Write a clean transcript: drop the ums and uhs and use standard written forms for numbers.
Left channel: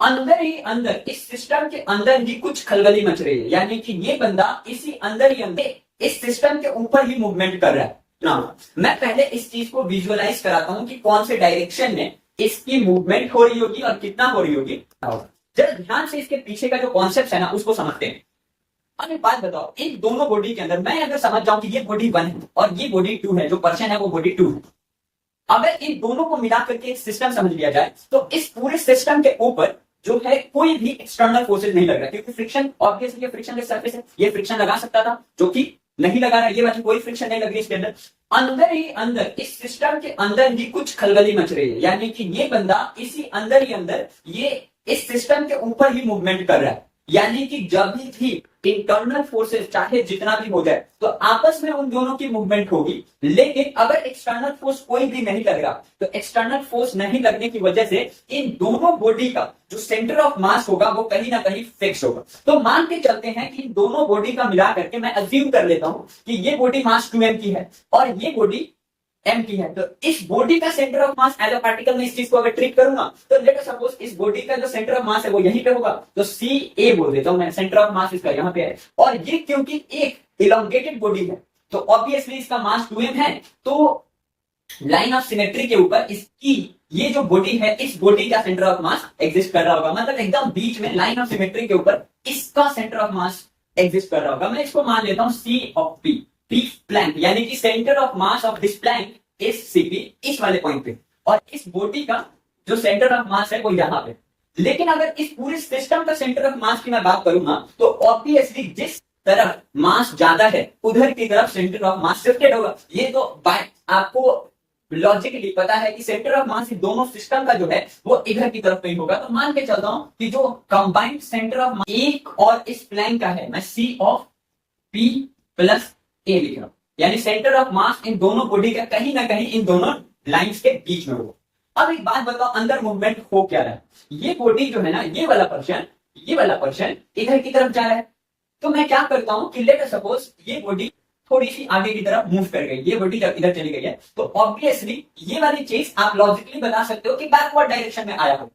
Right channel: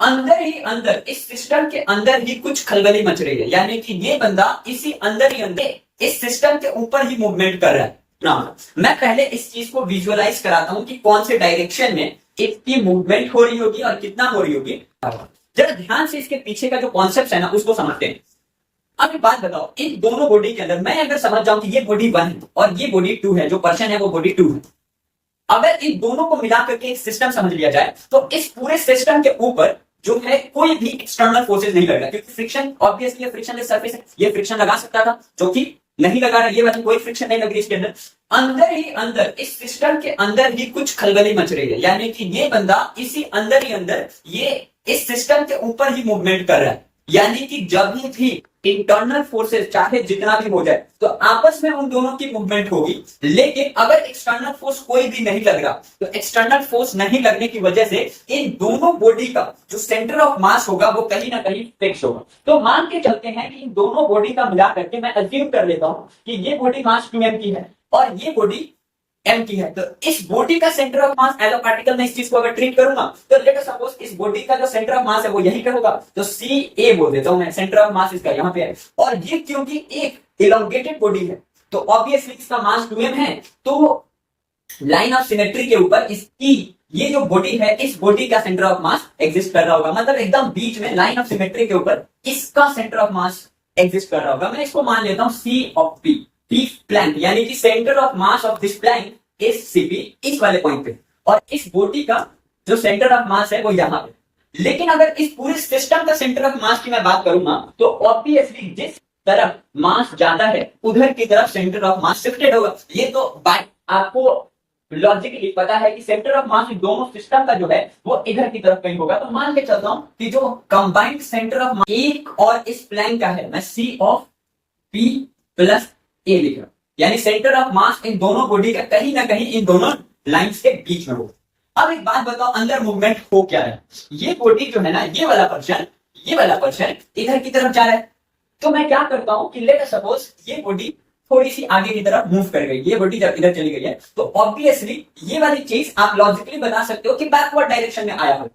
अंदर ही अंदर इस सिस्टम के अंदर ही कुछ खलबली मच रही है, यानी कि ये बंदा इसी अंदर ही अंदर इस सिस्टम के ऊपर ही मूवमेंट कर रहा है ना। मैं पहले इस चीज को विजुअलाइज कराता हूं कि कौन से डायरेक्शन में इसकी मूवमेंट हो रही होगी और कितना हो रही होगी। जरा ध्यान से इसके पीछे का जो कॉन्सेप्ट है ना उसको समझते हैं। अब एक बात बताओ, इन दोनों बॉडी के अंदर मैं अगर समझ जाऊं कि ये बॉडी 1 है और ये बॉडी 2 है, जो पर्सन है वो बॉडी 2 है, अगर इन दोनों को मिला करके सिस्टम समझ लिया जाए तो इस पूरे सिस्टम के ऊपर जो है कोई भी एक्सटर्नल फोर्सेज नहीं लग रहा, क्योंकि फ्रिक्शन ऑब्वियसली ये फ्रिक्शन सरफेस है, ये फ्रिक्शन लगा सकता था जो कि नहीं लगा रहा, ये बात कोई फ्रिक्शन नहीं लग रही इसके अंदर। अंदर ही अंदर इस सिस्टम के अंदर ही कुछ खलबली मच रही है, यानी कि ये बंदा इसी अंदर ही अंदर ये इस सिस्टम के ऊपर ही मूवमेंट कर रहा है। यानी कि जब भी इंटरनल फोर्सेस चाहे जितना भी हो जाए तो आपस में उन दोनों की मूवमेंट होगी, लेकिन अगर एक्सटर्नल फोर्स कोई भी नहीं लग रहा तो एक्सटर्नल फोर्स नहीं लगने की वजह से इन दोनों बॉडी का जो सेंटर ऑफ मास होगा वो कहीं ना कहीं फिक्स होगा। तो मान के चलते हैं कि इन दोनों बॉडी का मिला करके मैं अज्यूम कर लेता हूं कि ये बॉडी मास 2m की है और ये बॉडी m की है, तो इस बॉडी का centre of mass as a particle मैं इस चीज को अगर ट्रीट करूंगा तो लेट अस सपोज इस बॉडी का जो सेंटर ऑफ मास है वो यहीं पे होगा, तो CA बोल देता हूं मैं, सेंटर ऑफ मास इसका यहाँ पे है। और ये क्योंकि एक इलोंगेटेड बॉडी है तो ऑब्वियसली इसका मास 2m है, तो लाइन ऑफ सिमेट्री के ऊपर इसकी ये जो बॉडी है इस बॉडी का सेंटर ऑफ मास एग्जिस्ट कर रहा होगा, मतलब एकदम बीच में लाइन ऑफ सिमेट्री के ऊपर इसका सेंटर ऑफ मास एग्जिस्ट कर रहा होगा। मैं इसको मान लेता हूं C of P, P plank, यानी कि centre of mass of this plank is CP, इस वाले पॉइंट पे, और इस बॉडी का जो सेंटर ऑफ मास है वो यहाँ पे। लेकिन अगर इस पूरे सिस्टम का सेंटर ऑफ मास की मैं बात करूंगा तो ऑब्वियसली जिस तरफ मास ज्यादा है उधर की तरफ सेंटर ऑफ मास शिफ्टेड होगा। ये तो बात आपको लॉजिकली पता है कि सेंटर ऑफ मास दोनों सिस्टम का जो है वो इधर की तरफ कहीं होगा। तो मान के चलता हूं कि जो कंबाइंड सेंटर ऑफ मास एक और इस प्लैंक का है, मैं C of P plus A लिख रहा हूं, यानी सेंटर ऑफ मास इन दोनों बॉडी का कहीं ना कहीं इन दोनों लाइंस के बीच में होगा। अब एक बात बताओ, अंदर मूवमेंट हो क्या रहा है? ये बॉडी जो है ना, ये वाला पर्सन इधर की तरफ जा रहा है। तो मैं क्या करता हूं कि लेट सपोज ये बॉडी थोड़ी सी आगे की तरफ मूव कर गई, ये बॉडी जब इधर चली गई है तो ऑब्वियसली ये वाली चीज आप लॉजिकली बता सकते हो कि बैकवर्ड डायरेक्शन में आया हो। तो